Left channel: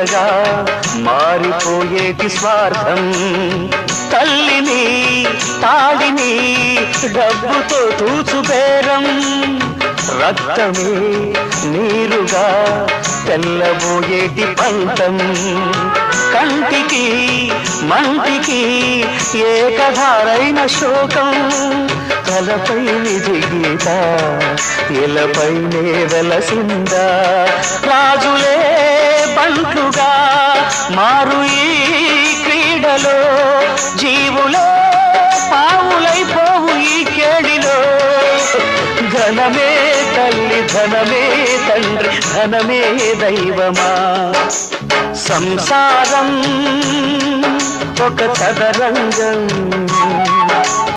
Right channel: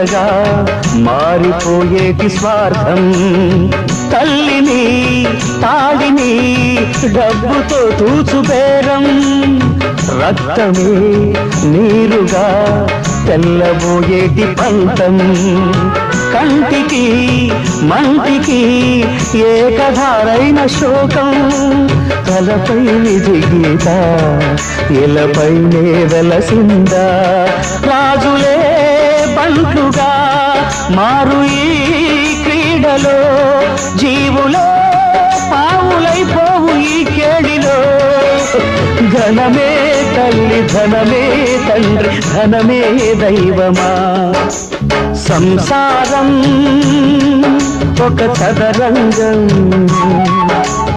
మెల్లగా మారిపోయేటి స్వార్థం. తల్లిని తాడిని డబ్బుతో తూచుబేరం, రక్తమే నీరుగా తెల్లబోయేటి పంతం. కంటికి మంటికి ఏకధారైన శోకం, తలపై విజిగీత ఎలపై నేరలసిందా. రాజులే బంటుగా మారు ఈ క్రీడలో, జీవులే పావులైపోవు ఈ కేడిలో. ధనమే తల్లి ధనమే తండ్రి ధనమే దైవమా, సంసారం ఒక చదరంగం.